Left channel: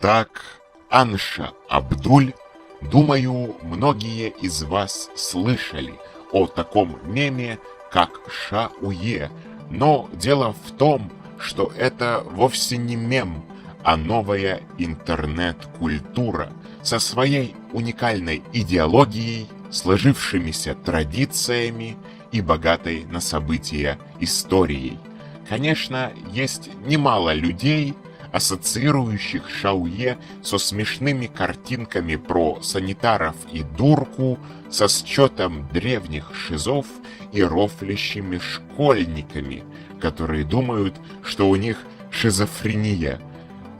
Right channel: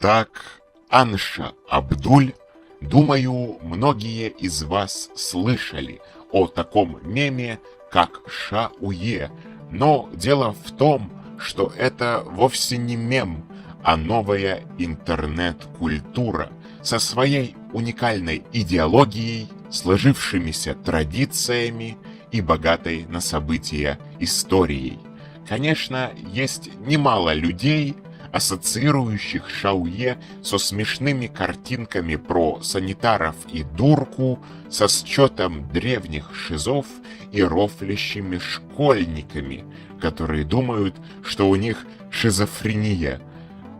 Так, Анша Абдуль, думаю, многие из вас слышали о таком меме, как Шауе, но дело в том, что это вовсе не мем, а новая интернет-культура со своей уникальной идеологией, сложившимися традициями и богатой на события историей. Конечно, есть немало людей, ассоциирующих Шауе со смешными картинками про санитаров и дурку, со счетом древних шизов и рофлящими школьниками, которые думают, что у них шизофрения.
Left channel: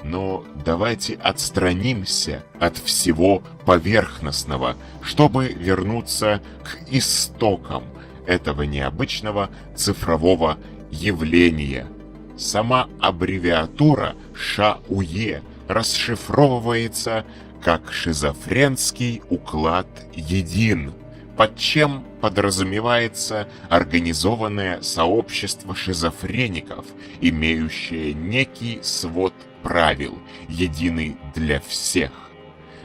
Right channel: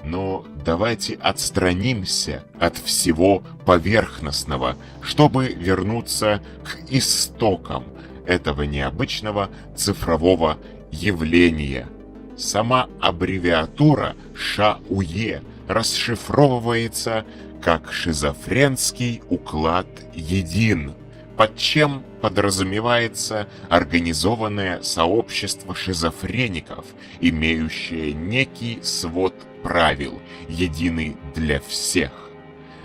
Но давайте отстранимся от всего поверхностного, чтобы вернуться к истокам этого необычного цифрового явления. Сама аббревиатура ШАУЕ расшифровывается как «шизофренский уклад един», под чем подразумевается организованное сообщество шизофреников, имеющее некий свод правил, единый для всех.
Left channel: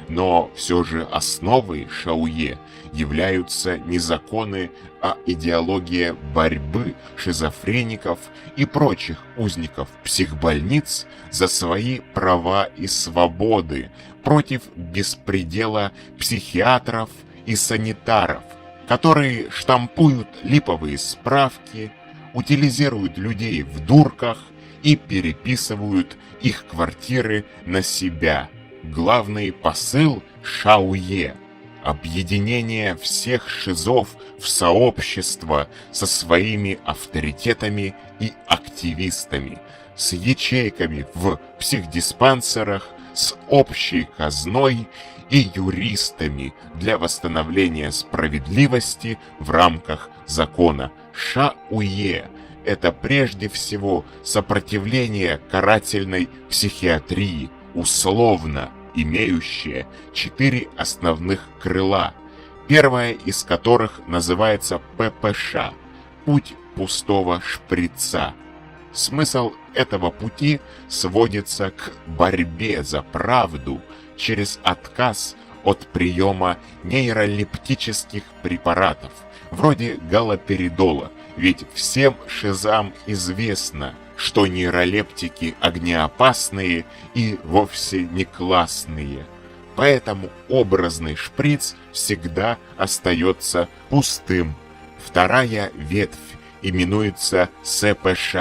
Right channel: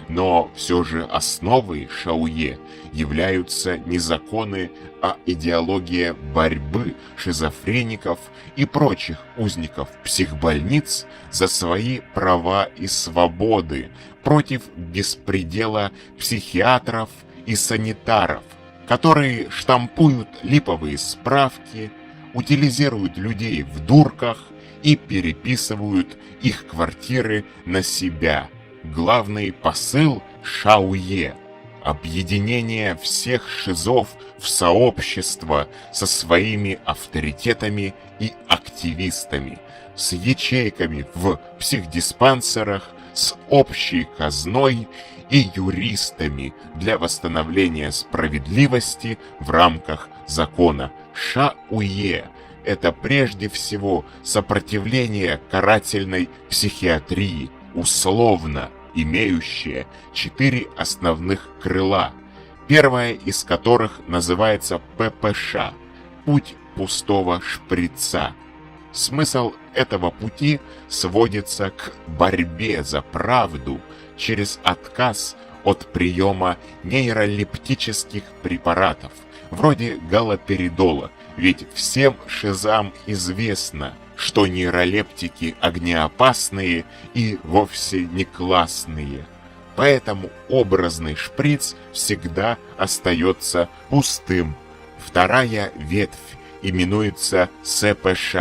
Но все же основой Шауе являются не законы, а идеология борьбы шизофреников и прочих узников психбольниц за свои права и свободы против беспредела психиатров и санитаров, которые штампуют липовые справки, утилизируют людей в дурках и переписывают их квартиры на себя. Главный посыл Шауе – объединение всех шизов в сообщество со своими авторитетами и активистами, с ячейками в психдиспансерах, с общей казной и юристами для восстановления справедливости в рамках закона. Шауе – это прежде всего сопротивление карательной психиатрии, условно имеющее 4 основных крыла, первое из которых называется ППШ – путь пустого шприца. Смысл этого пути сводится к борьбе за правду через отказ от приема нейролептических препаратов, вроде галоперидола, ведь всем шизам известно, что нейролептики огнеопасные и вовсе не классные. Поэтому образный шприц всегда остается пустым. Вторая ветвь именуется СПШ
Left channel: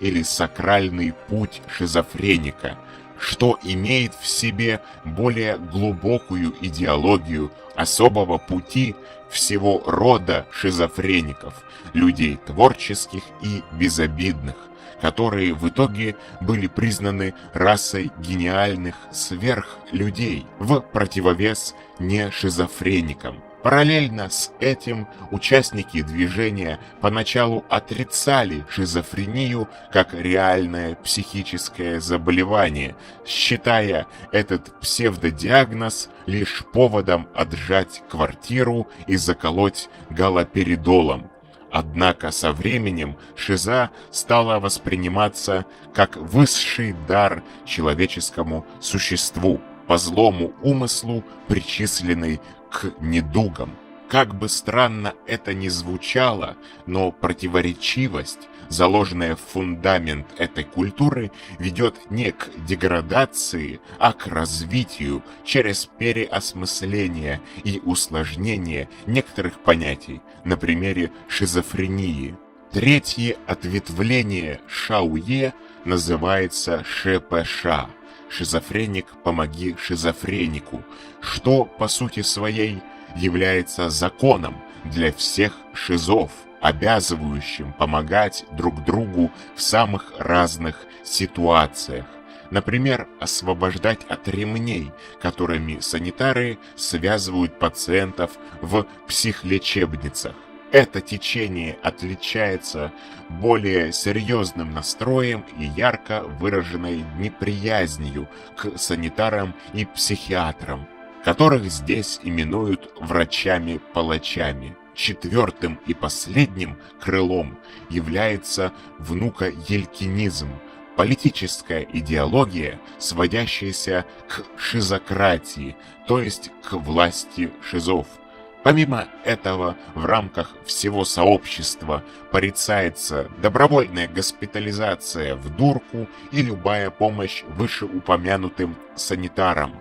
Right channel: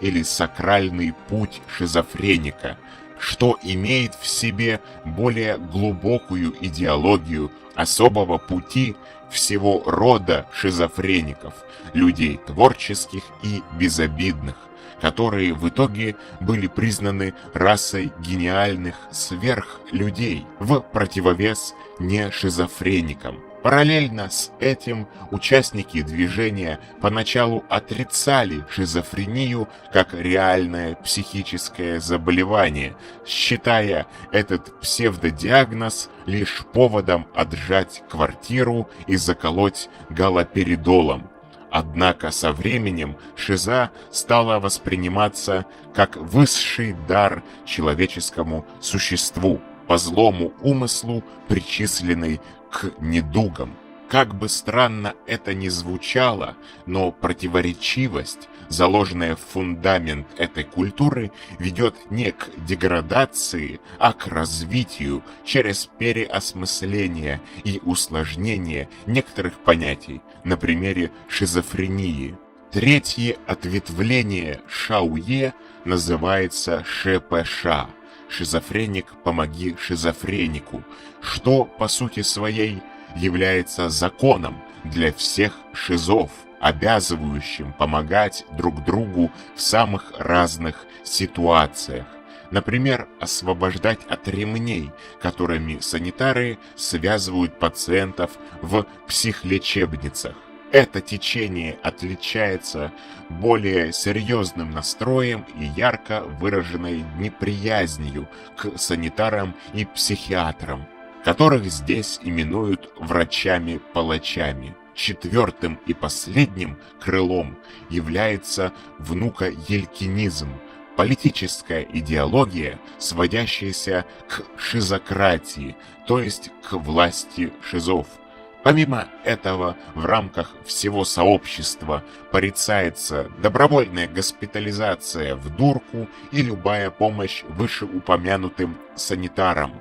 или сакральный путь шизофреника, что имеет в себе более глубокую идеологию особого пути всего рода шизофреников, людей творческих и безобидных, которые в итоге были признаны расой гениальных сверхлюдей в противовес нешизофреникам. Параллельно с этим участники движения поначалу отрицали шизофрению как реальное психическое заболевание, считая этот псевдодиагноз лишь поводом отжать квартиру и заколоть галоперидолом. Однако со временем шиза стала восприниматься как высший дар человеческому существу, по злому умыслу причисленный к недугам. Как бы странно это ни звучало, но противоречивость, заложенная в фундамент этой культуры, ведет не к деградации, а к развитию через переосмысление и усложнение некоторых понятий на примере шизофрении. Третье ответвление Шауе называется ШПШ. Шизофреник, помоги шизофренику, что по сути своей является законом для всех шизов, обязывающим помогать друг другу в самых разных ситуациях. Например, освобождать от ремней, которыми санитары связывают пациентов в психлечебницах. Это течение отличается более серьезным настроем и ярко выраженной неприязнью к санитарам и психиатрам, которых здесь именуют врачами-палачами. Четвертым и последним крылом является внукоелькинизм, политическая идеология, сводящаяся к шизократии, то есть к власти шизов. Помимо этого, в рамках всего сообщества порицается добровольная госпитализация в дурку и любая помощь вышеупомянутым санитарам.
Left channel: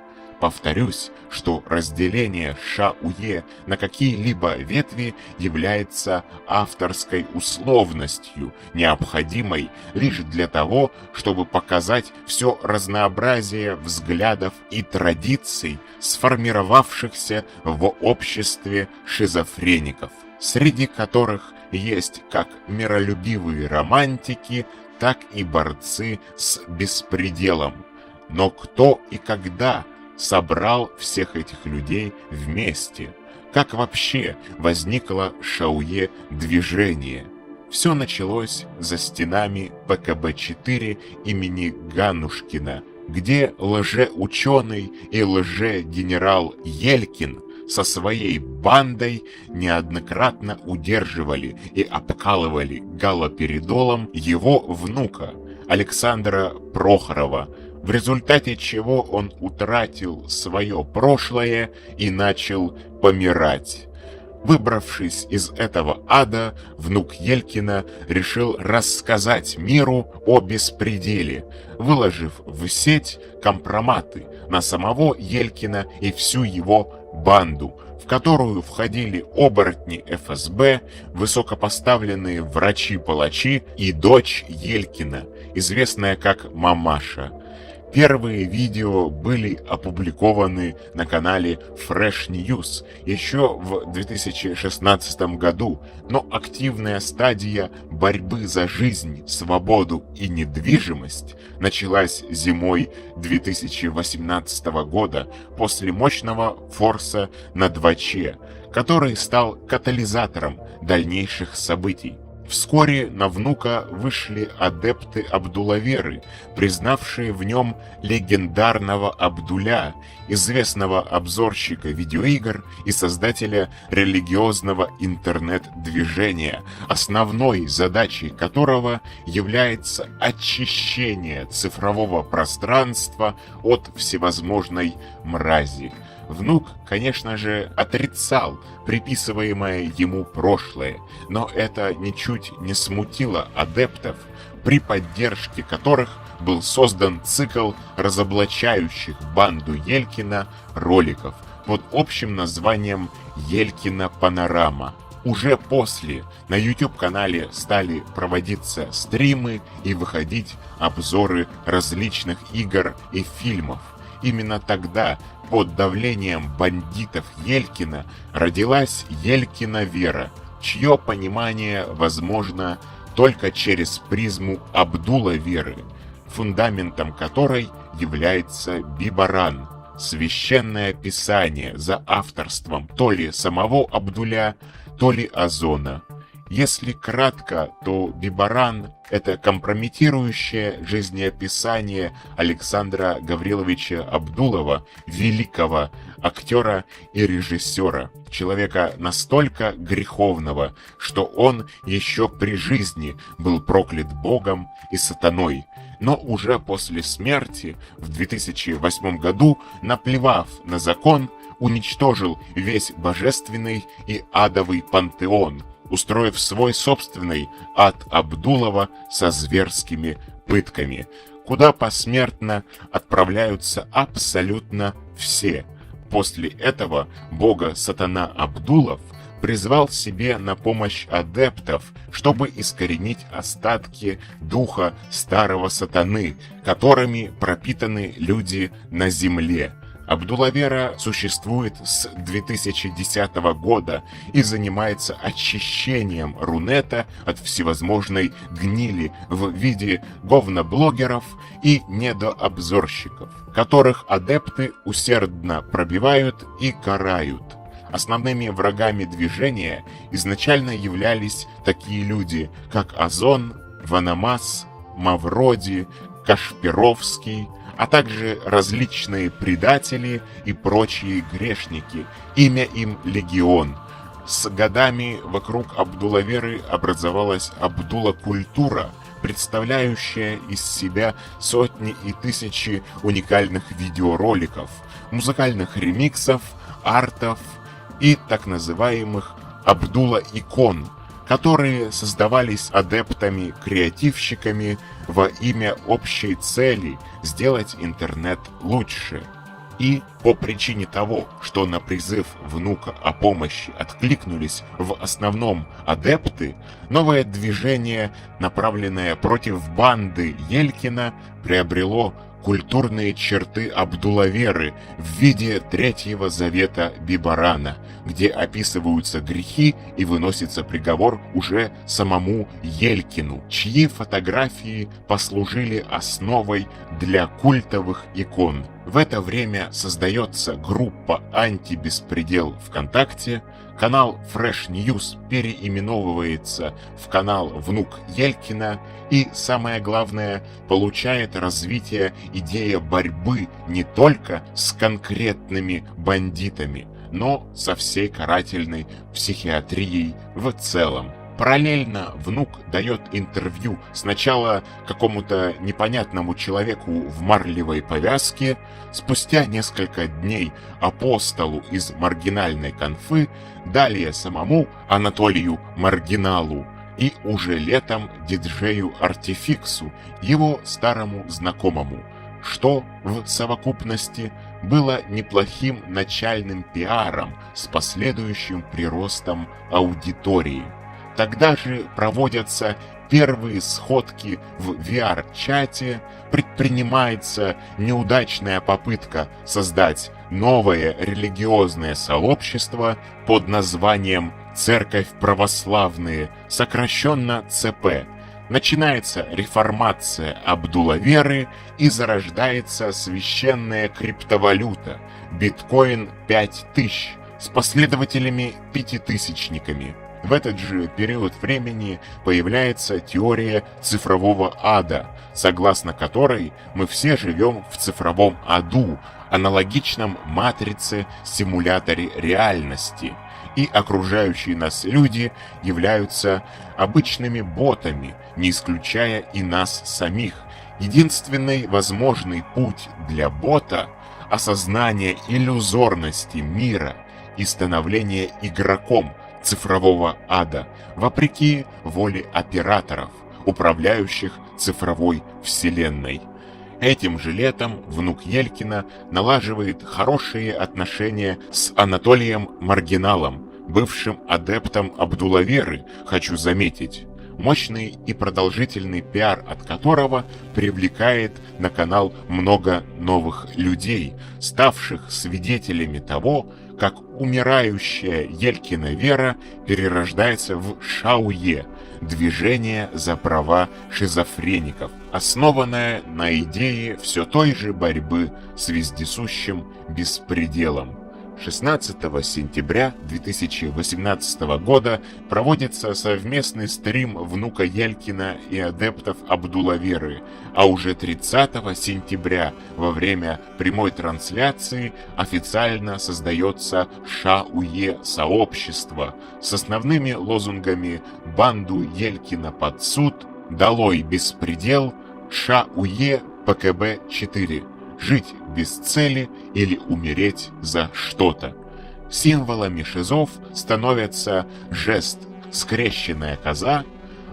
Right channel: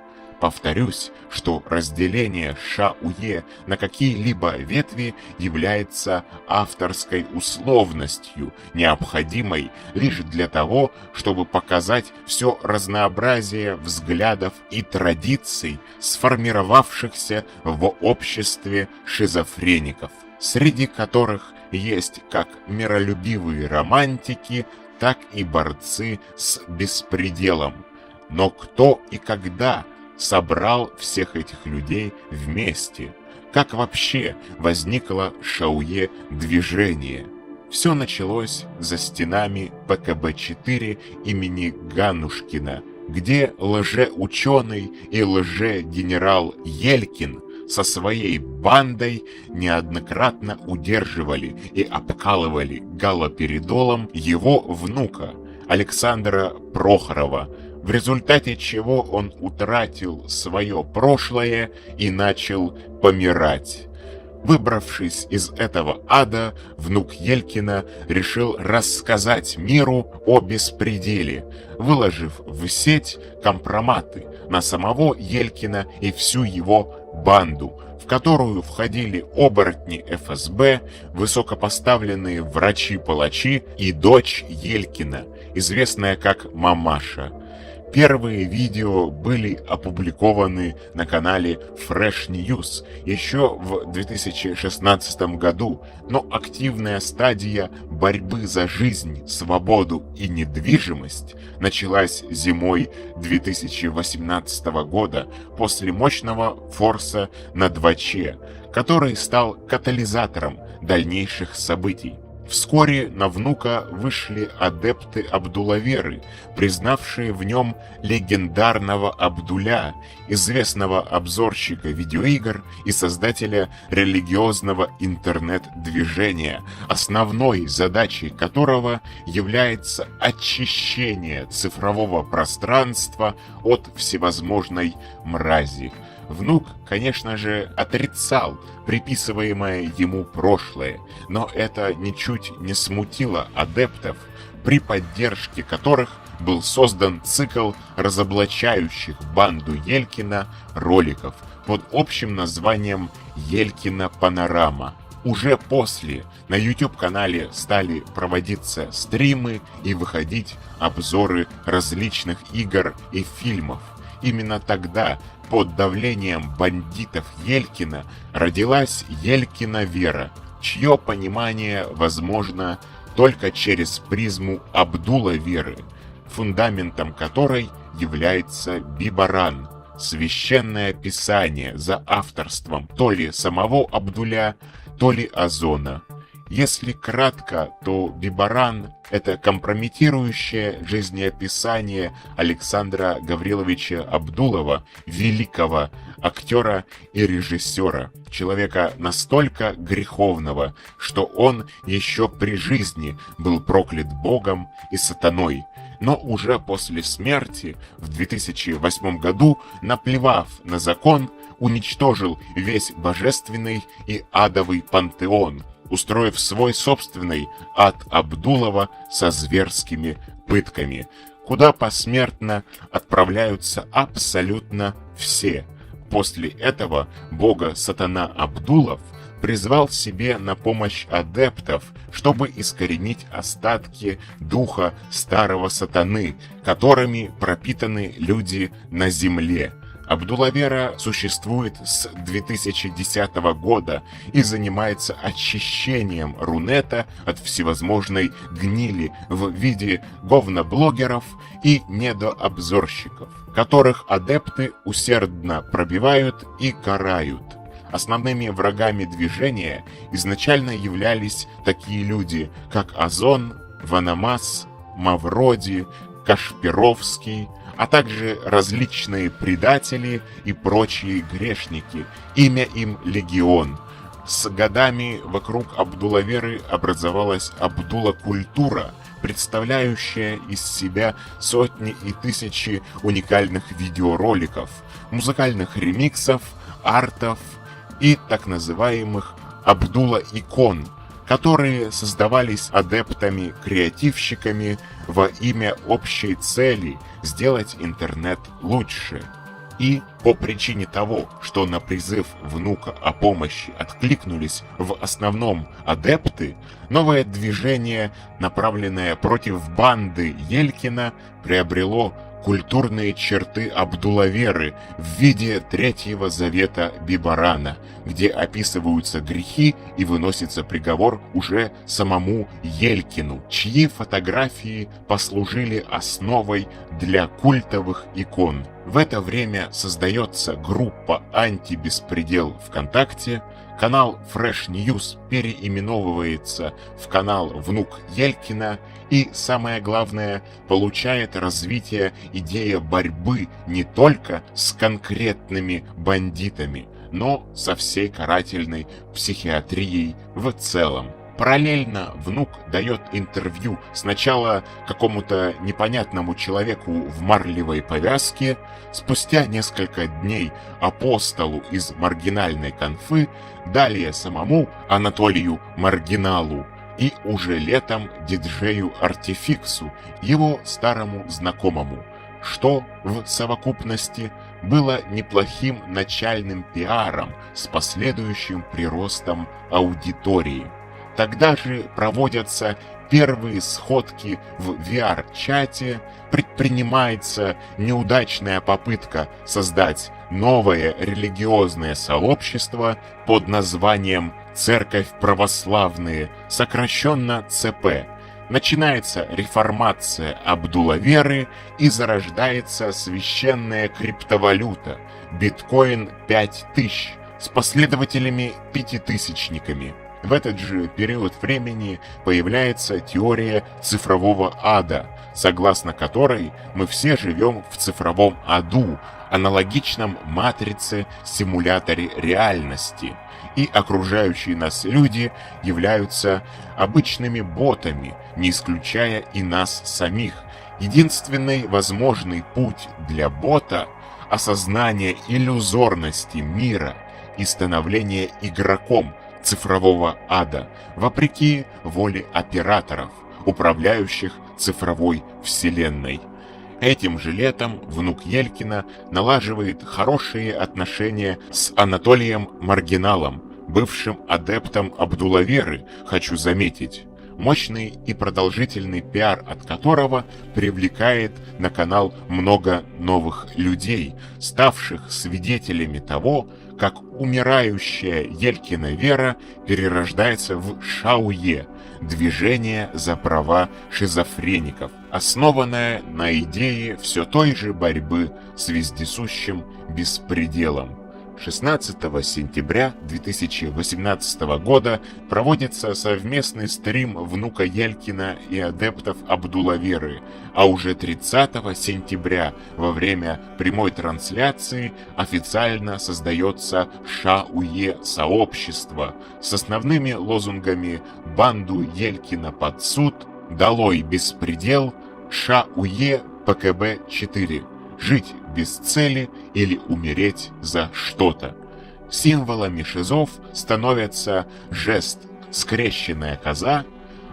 Повторюсь, что разделение ШАУЕ на какие-либо ветви является авторской условностью, необходимой лишь для того, чтобы показать все разнообразие взглядов и традиций, сформировавшихся в обществе шизофреников, среди которых есть как миролюбивые романтики, так и борцы с беспределом. Но кто и когда собрал всех этих людей вместе? Как вообще возникло ШАУЕ движение? Все началось за стенами ПКБ-4 имени Ганушкина, где лжеученый и лжегенерал Елькин со своей бандой неоднократно удерживали и обкалывали галоперидолом его внука Александра Прохорова, в результате чего он утратил свое прошлое и начал помирать. Выбравшись из этого ада, внук Елькина решил рассказать миру о беспределе, выложив в сеть компроматы на самого Елькина и всю его банду, в которую входили оборотни ФСБ, высокопоставленные врачи-палачи и дочь Елькина, известная как Мамаша. Первые видео были опубликованы на канале Fresh News еще в 2016 году, но активная стадия борьбы за жизнь, свободу и недвижимость началась зимой 2018 года после мощного форса на 2Ч, который стал катализатором дальнейших событий. Вскоре на внука вышли адепты Абдулаверы, признавшие в нем легендарного Абдуля, известного обзорщика видеоигр и создателя религиозного интернет-движения, основной задачей которого является очищение цифрового пространства от всевозможной мрази. Внук, конечно же, отрицал приписываемое ему прошлое, но это ничуть не смутило адептов, при поддержке которых был создан цикл разоблачающих банду Елькина роликов под общим названием «Елькина Панорама». Уже после на YouTube-канале стали проводиться стримы и выходить обзоры различных игр и фильмов. Именно тогда, под давлением бандитов Елькина, родилась Елькина Вера, чье понимание возможно только через призму Абдула-веры, фундаментом которой является Бибаран, священное писание за авторством то ли самого Абдуля, то ли Озона. Если кратко, то Бибаран – это компрометирующее жизнеописание Александра Гавриловича Абдулова, великого актера и режиссера, человека настолько греховного, что он еще при жизни был проклят Богом и сатаной, но уже после смерти в 2008 году, наплевав на закон, уничтожил весь божественный и адовый пантеон, устроив свой собственный ад Абдулова со зверскими пытками, куда посмертно отправляются абсолютно все. После этого бога-сатана Абдулов призвал себе на помощь адептов, чтобы искоренить остатки духа старого сатаны, которыми пропитаны люди на земле. Абдулавера существует с 2010 года и занимается очищением Рунета от всевозможной гнили в виде говноблогеров и недообзорщиков, которых адепты усердно пробивают и карают. Основными врагами движения изначально являлись такие люди, как Озон, Ванамас, Мавроди, Кашпировский, а также различные предатели и прочие грешники, имя им Легион. С годами вокруг Абдулаверы образовалась Абдула-культура, представляющая из себя сотни и тысячи уникальных видеороликов, музыкальных ремиксов, артов и так называемых Абдула-икон, которые создавались адептами-креативщиками во имя общей цели сделать интернет лучше. И по причине того, что на призыв внука о помощи откликнулись в основном адепты, новое движение, направленное против банды Елькина, приобрело культурные черты Абдулаверы в виде Третьего Завета Бибарана, где описываются грехи и выносится приговор уже самому Елькину, чьи фотографии послужили основой для культовых икон. В это время создается группа «Антибеспредел» ВКонтакте, канал Fresh News переименовывается в канал «Внук Елькина», и, самое главное, получает развитие идея борьбы не только с конкретными бандитами, но со всей карательной психиатрией в целом. Параллельно внук дает интервью сначала какому-то непонятному человеку в марлевой повязке, спустя несколько дней апостолу из маргинальной конфы, далее самому Анатолию Маргиналу и уже летом диджею Артификсу, его старому знакомому, что в совокупности было неплохим начальным пиаром с последующим приростом аудитории. Тогда же проводятся первые сходки в VR-чате, предпринимается неудачная попытка создать новое религиозное сообщество под названием «Церковь православные», сокращенно ЦП. Начинается реформация Абдулаверы и зарождается священная криптовалюта биткоин 5000 с последователями-пятитысячниками. В этот же период времени появляется теория цифрового ада, согласно которой мы все живем в цифровом аду, аналогичном матрице-симуляторе реальности, и окружающие нас люди являются обычными ботами, не исключая и нас самих. Единственный возможный путь для бота – осознание иллюзорности мира и становление игроком цифрового ада, вопреки воле операторов, управляющих цифровой вселенной. Этим же летом внук Елькина налаживает хорошие отношения с Анатолием Маргиналом, бывшим адептом Абдулаверы, хочу заметить, мощный и продолжительный пиар от которого привлекает на канал много новых людей, ставших свидетелями того, как умирающая Елькина вера перерождается в Шауе, движение за права шизофреников, основанное на идее все той же борьбы с вездесущим беспределом. 16 сентября 2018 года проводится совместный стрим внука Елькина и адептов Абдулаверы, а уже 30 сентября во время прямой трансляции официально создается Шауе сообщество с основными лозунгами «Банду Елькина под суд», «Долой беспредел», «Шауе ПКБ-4». Жить без цели или умереть за что-то. Символами шизов становятся жест «скрещенная коза»,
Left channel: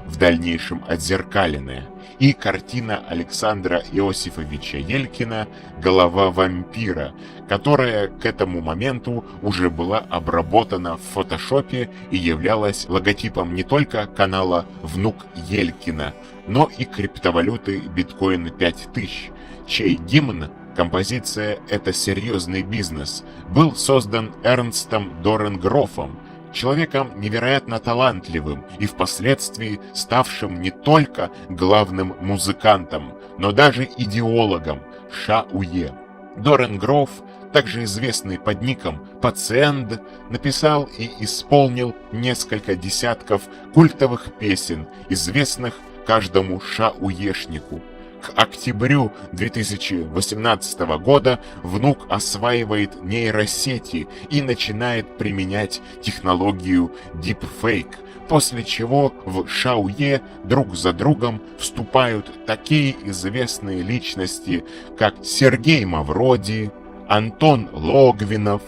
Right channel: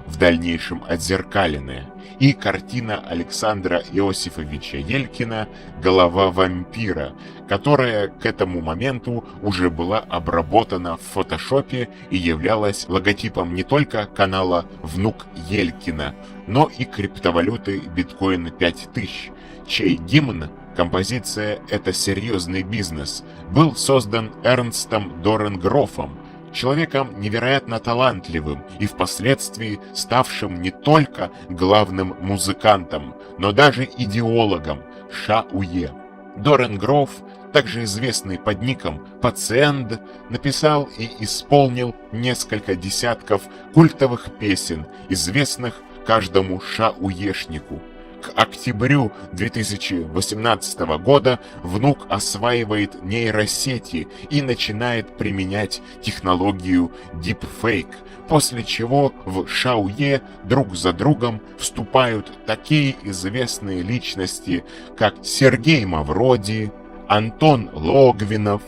в дальнейшем отзеркаленная, и картина Александра Иосифовича Елькина «Голова вампира», которая к этому моменту уже была обработана в фотошопе и являлась логотипом не только канала «Внук Елькина», но и криптовалюты биткоина 5000, чей гимн, композиция «Это серьезный бизнес», был создан Эрнстом Доренгрофом, человеком невероятно талантливым и впоследствии ставшим не только главным музыкантом, но даже идеологом Шауе. Доренгроф, также известный под ником Пациент, написал и исполнил несколько десятков культовых песен, известных каждому шауешнику. К октябрю 2018 года внук осваивает нейросети и начинает применять технологию Deepfake, после чего в Шаое друг за другом вступают такие известные личности, как Сергей Мавроди, Антон Логвинов,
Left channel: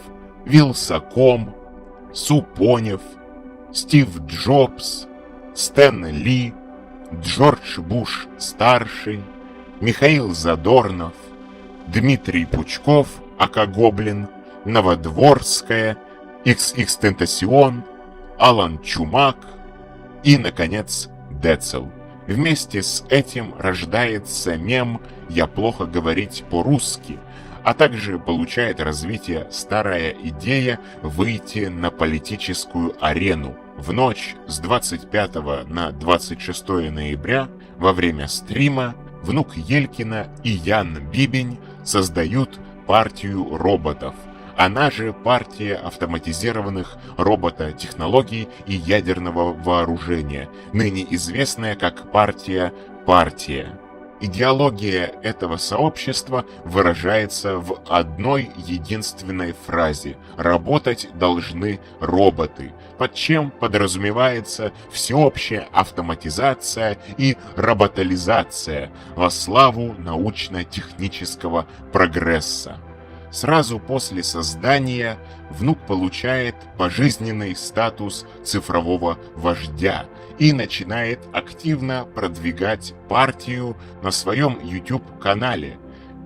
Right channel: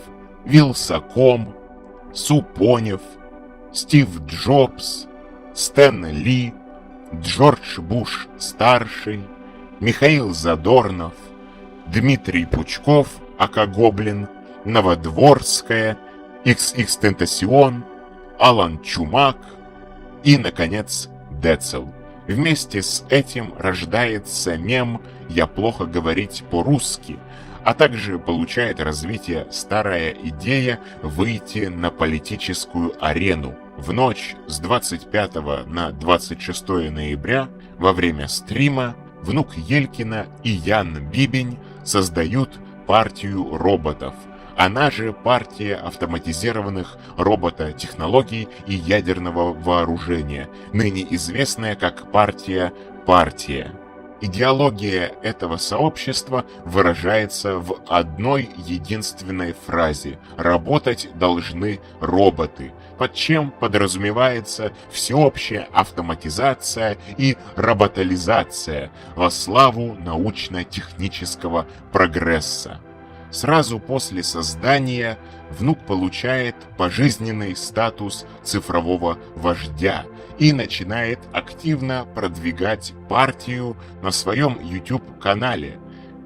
Вилсаком, Супонев, Стив Джобс, Стэн Ли, Джордж Буш-старший, Михаил Задорнов, Дмитрий Пучков, ака Гоблин, Новодворская, XX-Тентасион, Алан Чумак и, наконец, Децл. Вместе с этим рождается мем «Я плохо говорить по-русски», а также получает развитие старая идея выйти на политическую арену. В ночь с 25 на 26 ноября во время стрима внук Елькина и Ян Бибень создают партию роботов. Она же партия автоматизированных робототехнологий и ядерного вооружения, ныне известная как партия «Партия». Идеология этого сообщества выражается в одной единственной фразе «Работать должны роботы», под чем подразумевается всеобщая автоматизация и роботализация во славу научно-технического прогресса. Сразу после создания внук получает пожизненный статус цифрового вождя и начинает активно продвигать партию на своем YouTube-канале.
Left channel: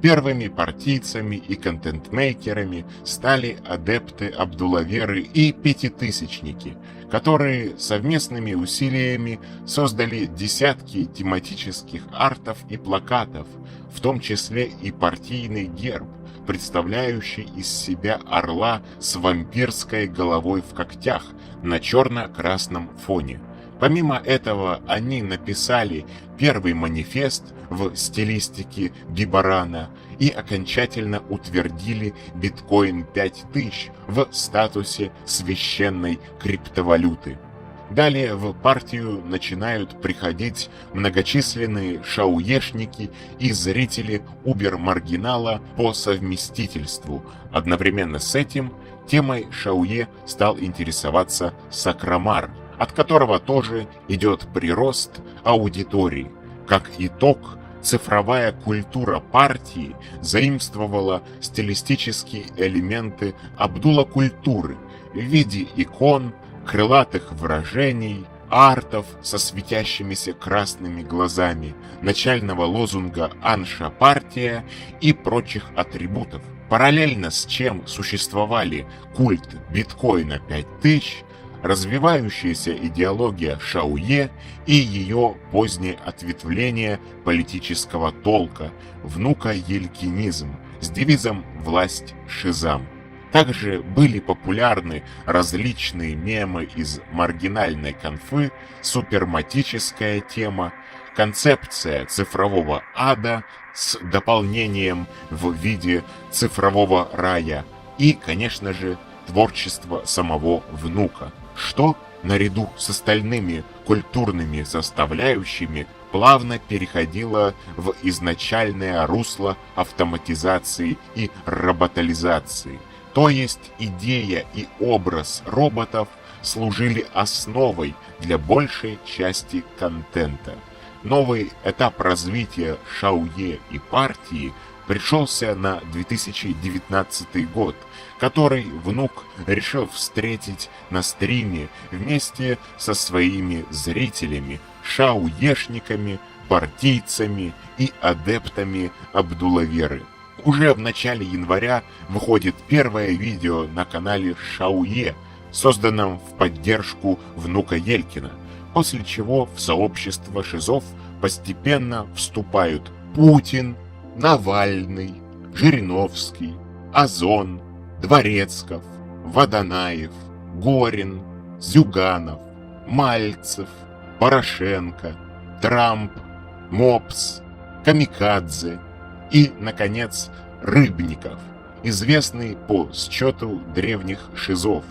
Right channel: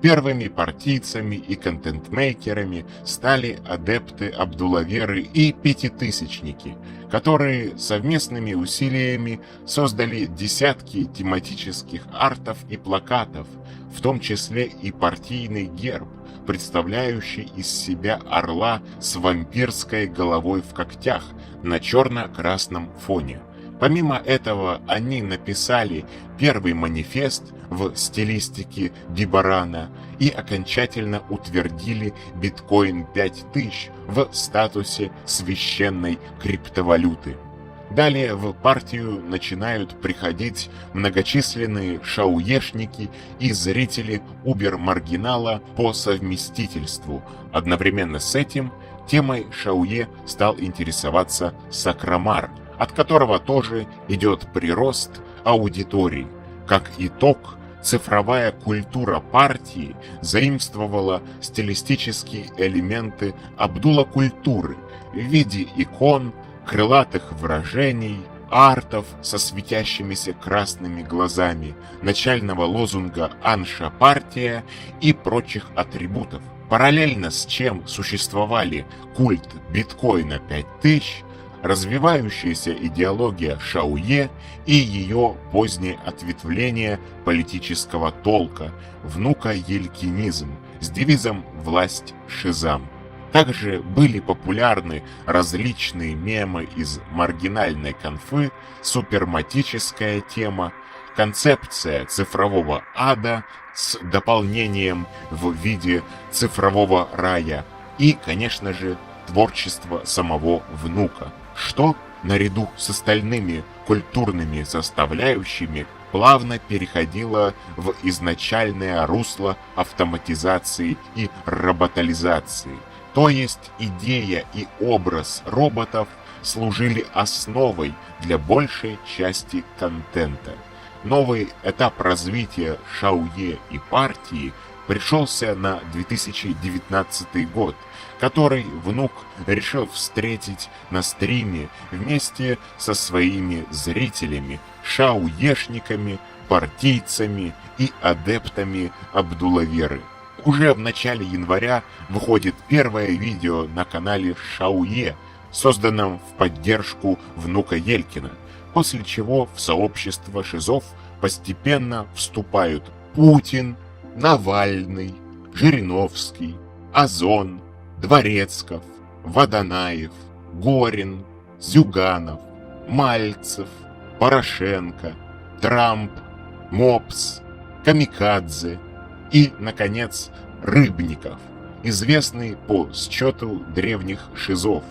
Первыми партийцами и контент-мейкерами стали адепты Абдулаверы и пятитысячники, которые совместными усилиями создали десятки тематических артов и плакатов, в том числе и партийный герб, представляющий из себя орла с вампирской головой в когтях на черно-красном фоне. Помимо этого, они написали первый манифест в стилистике Бибарана и окончательно утвердили биткоин 5000 в статусе священной криптовалюты. Далее в партию начинают приходить многочисленные шаоешники и зрители убер-маргинала по совместительству. Одновременно с этим темой Шаое стал интересоваться Сакрамар, от которого тоже идет прирост аудитории. Как итог, цифровая культура партии заимствовала стилистические элементы Абдула-культуры в виде икон, крылатых выражений, артов со светящимися красными глазами, начального лозунга «Анша партия» и прочих атрибутов. Параллельно с чем существовали культ биткоина 5000, развивающаяся идеология Шаое и ее позднее ответвление политического толка, внука елькинизм, с девизом «Власть Шизам». Также были популярны различные мемы из маргинальной конфы, суперматическая тема, концепция цифрового ада с дополнением в виде цифрового рая и, конечно же, творчество самого внука, что, наряду с остальными культурными составляющими, плавно переходило в изначальное русло автоматизации и роботализации. То есть идея и образ роботов служили основой для большей части контента. Новый этап развития Шаое и партии пришелся на 2019 год, который внук решил встретить на стриме вместе со своими зрителями, шаоешниками, партийцами и адептами Абдулаверы. Уже в начале января выходит первое видео на канале Шаое, созданном в поддержку внука Елькина, после чего в сообщество шизов постепенно вступают Путин, Навальный, Жириновский, Озон, Дворецков, Водонаев, Горин, Зюганов, Мальцев, Порошенко, Трамп, Мопс, Камикадзе и, наконец, Рыбников, известный по счету древних шизов,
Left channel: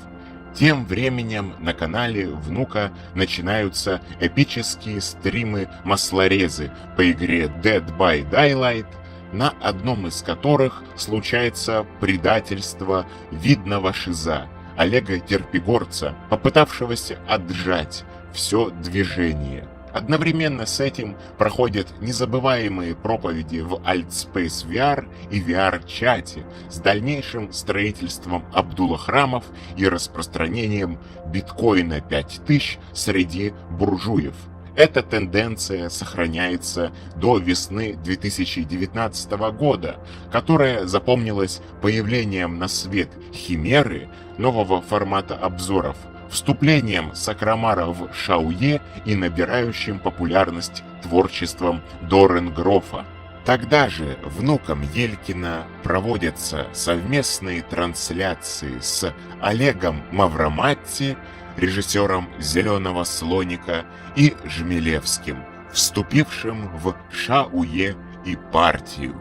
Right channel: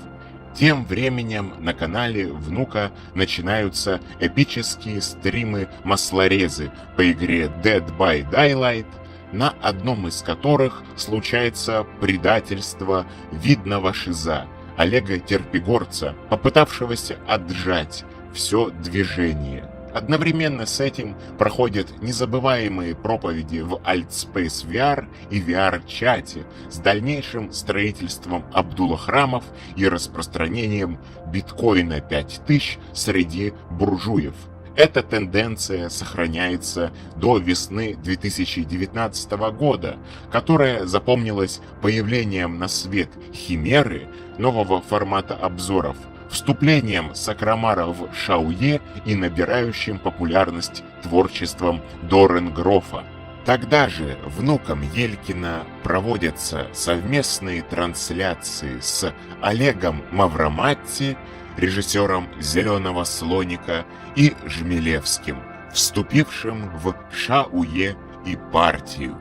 Тем временем на канале внука начинаются эпические стримы маслорезы по игре Dead by Daylight, на одном из которых случается предательство видного шиза Олега Терпигорца, попытавшегося отжать все движение. Одновременно с этим проходят незабываемые проповеди в Altspace VR и VR-чате с дальнейшим строительством Абдулла-храмов и распространением биткоина 5000 среди буржуев. Эта тенденция сохраняется до весны 2019 года, которая запомнилась появлением на свет химеры, нового формата обзоров, вступлением Сакрамара в Шауе и набирающим популярность творчеством Дорен Грофа. Тогда же внуком Елькина проводятся совместные трансляции с Олегом Мавроматти, режиссером «Зеленого слоника», и Жмелевским, вступившим в Шауе и партию.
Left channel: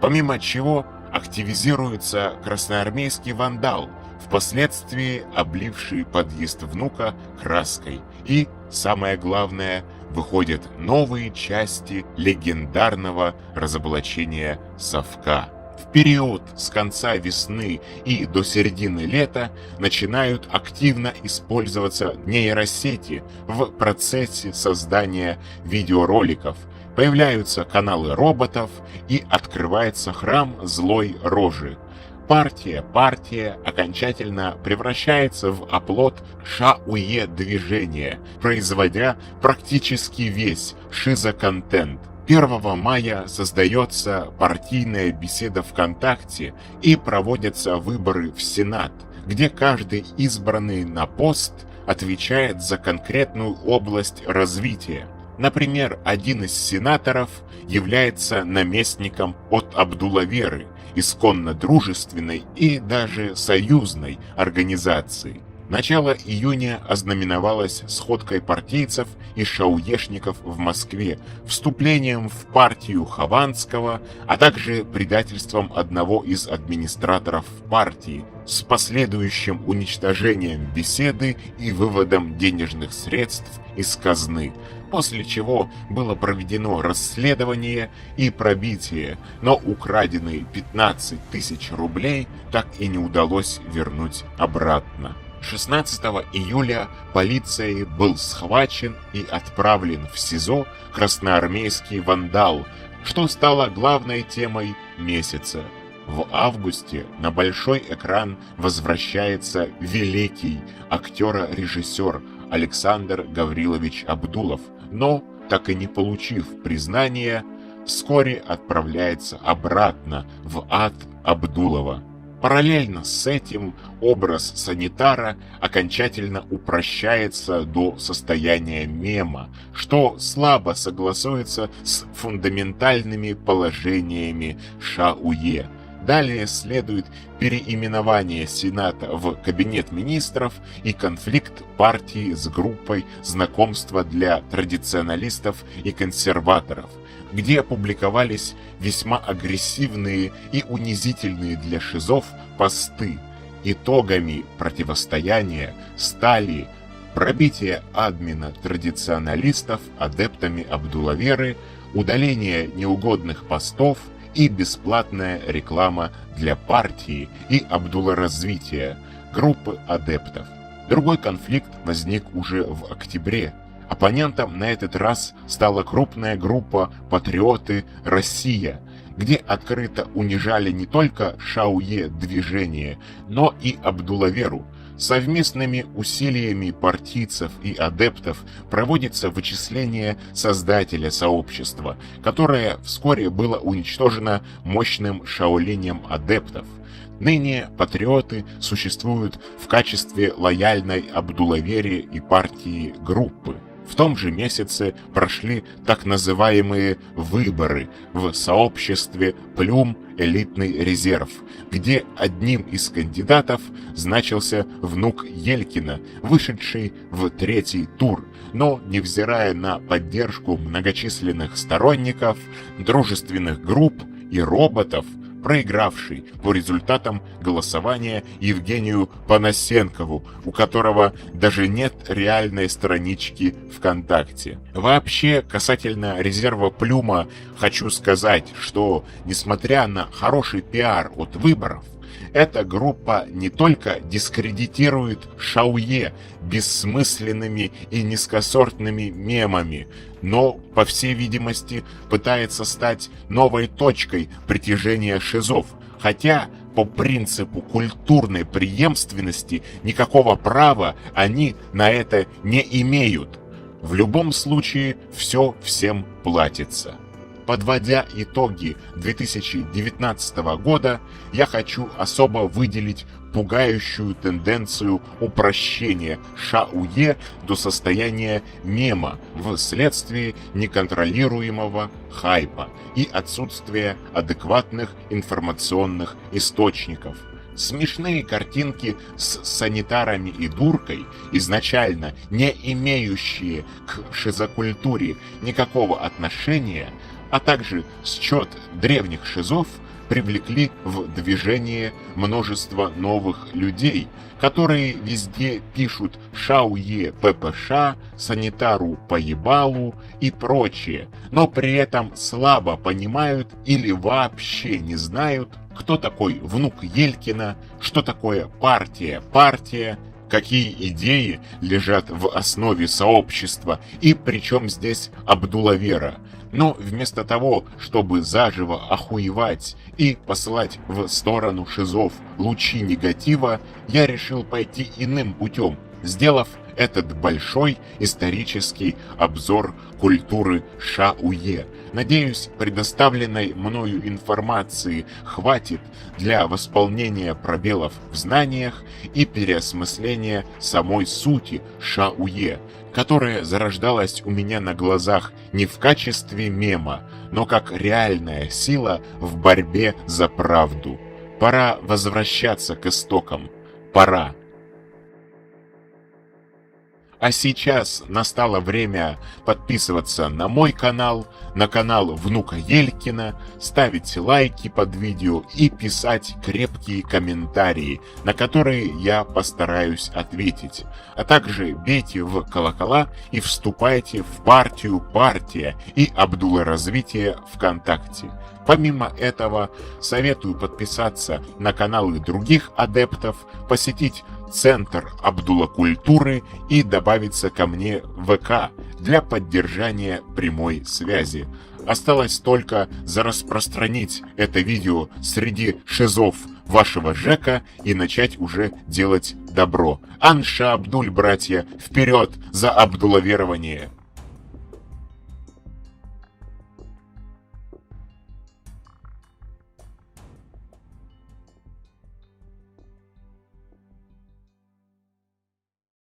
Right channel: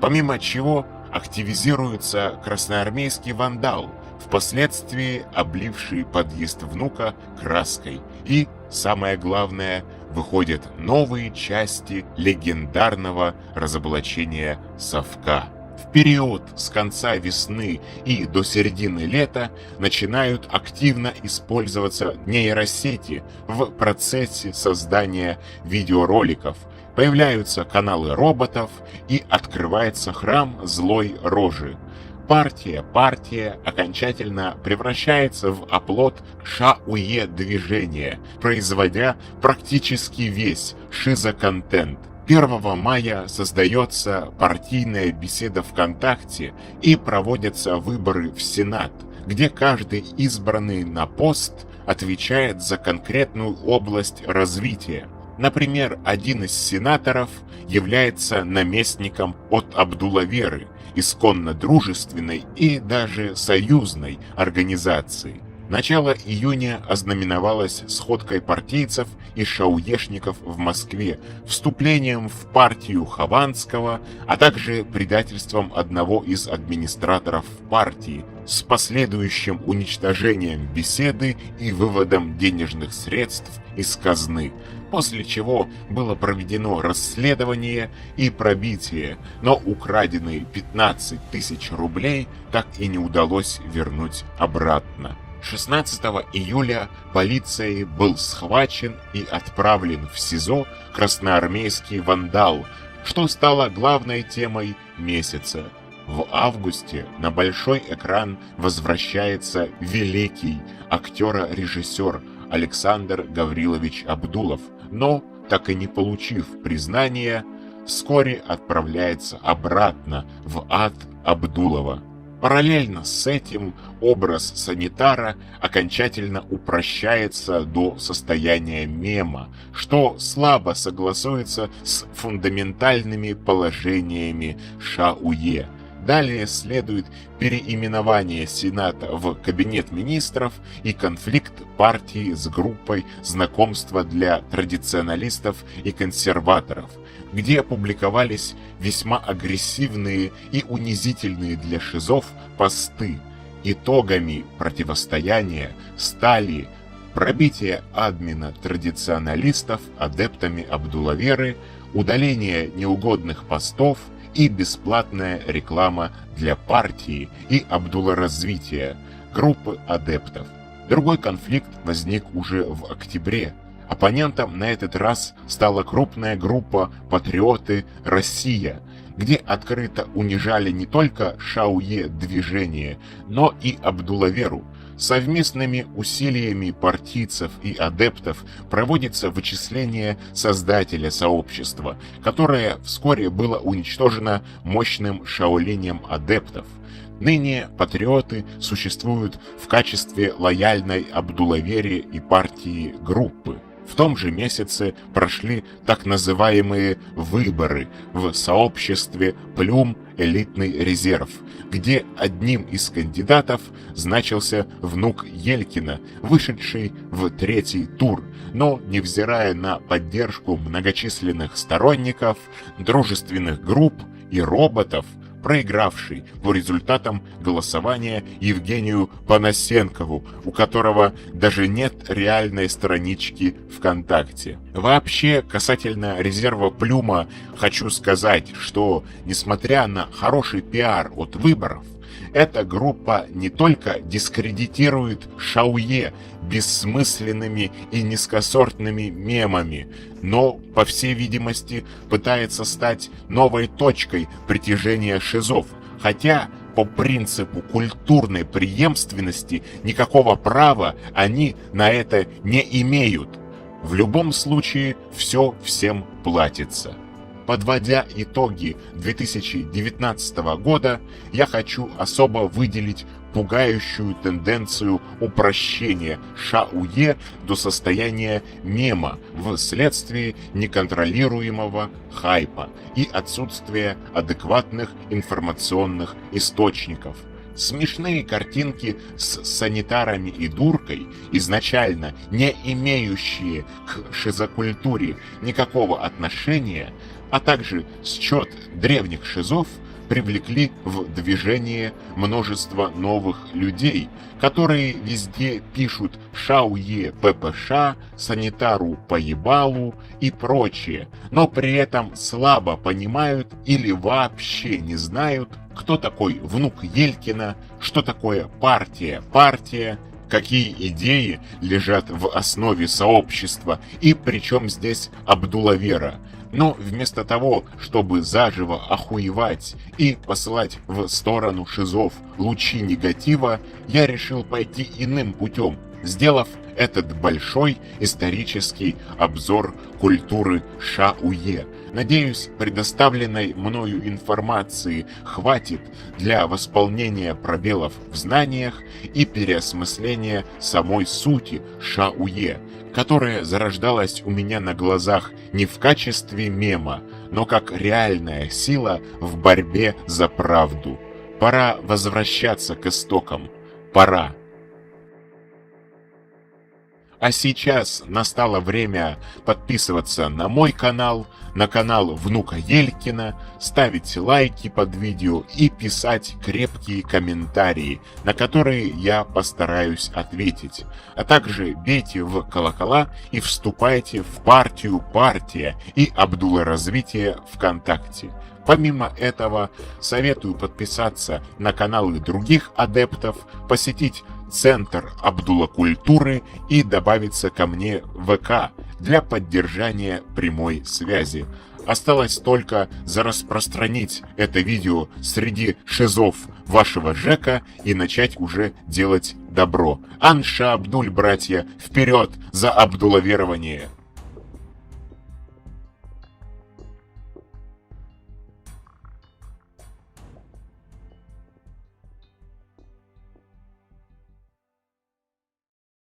Помимо чего активизируется красноармейский вандал, впоследствии обливший подъезд внука краской. И, самое главное, выходят новые части легендарного разоблачения совка. В период с конца весны и до середины лета начинают активно использоваться нейросети в процессе создания видеороликов. Появляются каналы роботов и открывается храм злой рожи. Партия окончательно превращается в оплот Шауе движения, производя практически весь шизоконтент. 1 мая создается партийная беседа ВКонтакте и проводятся выборы в Сенат, где каждый избранный на пост отвечает за конкретную область развития. Например, один из сенаторов является наместником от Абдуллаверы, исконно дружественной и даже союзной организации. Начало июня ознаменовалось сходкой партийцев и шауешников в Москве, вступлением в партию Хованского, а также предательством одного из администраторов партии, с последующим уничтожением беседы и выводом денежных средств из казны, после чего было проведено расследование и пробитие, но украденные 15 тысяч рублей так и не удалось вернуть обратно. 16 июля полицией был схвачен и отправлен в СИЗО красноармейский вандал, что стало главной темой месяца. В августе на большой экран возвращается великий актер-режиссер Александр Гаврилович Абдулов, но, так и не получив признания, вскоре отправляется обратно в ад Абдулова. Параллельно с этим образ санитара окончательно упрощается до состояния мема, что слабо согласуется с фундаментальными положениями Шауе. Далее следует переименование Сената в Кабинет министров и конфликт партии с группой знакомства для традиционалистов и консерваторов, где публиковались весьма агрессивные и унизительные для шизов посты. Итогами противостояния стали пробитие админа традиционалистов адептами Абдуллаверы, удаление неугодных постов и бесплатная реклама для партии и Абдулла-развития, группы адептов. Другой конфликт возник уже в октябре. Оппонентом на этот раз стала крупная группа «Патриоты Россия», где открыто унижали не только Шауе движение, но и Абдуллаверу. Совместными усилиями партийцев и адептов проводится вычисление создателя сообщества, которое вскоре было уничтожено мощным шаолинем адептов. Ныне патриоты существуют в качестве лояльной Абдуллавере и партии группы. В том же месяце прошли так называемые выборы в сообществе «Плем элитный резерв», где одним из кандидатов значился внук Елькина, вышедший в 3-й тур, но, невзирая на поддержку многочисленных сторонников, дружественных групп и роботов, проигравший по результатам голосования Евгению Панасенкову, у которого даже нет реальной странички ВКонтакте. Вообще, касательно резерва Плюма, хочу сказать, что несмотря на хороший пиар от выборов, эта группа не только дискредитирует Шауе бессмысленными и низкосортными мемами, но, по всей видимости, пытается стать новой точкой притяжения шизов, хотя по принципу культурной преемственности никакого права они на это не имеют. В любом случае, все всем платится. Подводя итоги 2019 года, я хочу особо выделить пугающую тенденцию упрощения Шауе до состояния мема вследствие неконтролируемого хайпа и отсутствия адекватных информационных источников. Смешные картинки с санитарами и дуркой, изначально не имеющие к шизокультуре никакого отношения, а также счет древних шизов, привлекли в движение множество новых людей, которые везде пишут «Шауе ППШ», «Санитару поебалу» и прочее, но при этом слабо понимают или вообще не знают, кто такой внук Елькина, что такое партия, какие идеи лежат в основе сообщества и причем здесь Абдулавера. Но вместо того, чтобы заживо охуевать и посылать в сторону шизов лучи негатива, я решил пойти иным путем, сделав этот большой исторический обзор культуры Шауе. Надеюсь, предоставленной мною информации хватит для восполнения пробелов в знаниях и переосмысления самой сути Шауе, которая зарождалась у меня на глазах не в качестве мема, но как реальная сила в борьбе за правду. Пора возвращаться к истокам. Пора. А сейчас настало время подписываться на мой канал, на канал внука Елькина, ставить лайки под видео и писать крепкие комментарии, на которые я постараюсь ответить. А также бейте в колокола и вступайте в партию «Партия» и Абдулоразвитие ВКонтакте. Помимо этого, советую подписаться на каналы других адептов, посетить Центр Абдулла-культуры и добавиться ко мне в ВК для поддержания прямой связи. Осталось только зараспространить это видео среди шизов вашего ЖЭКа и начать уже делать добро. Анша Абдуль, братья, вперед за абдулаверование!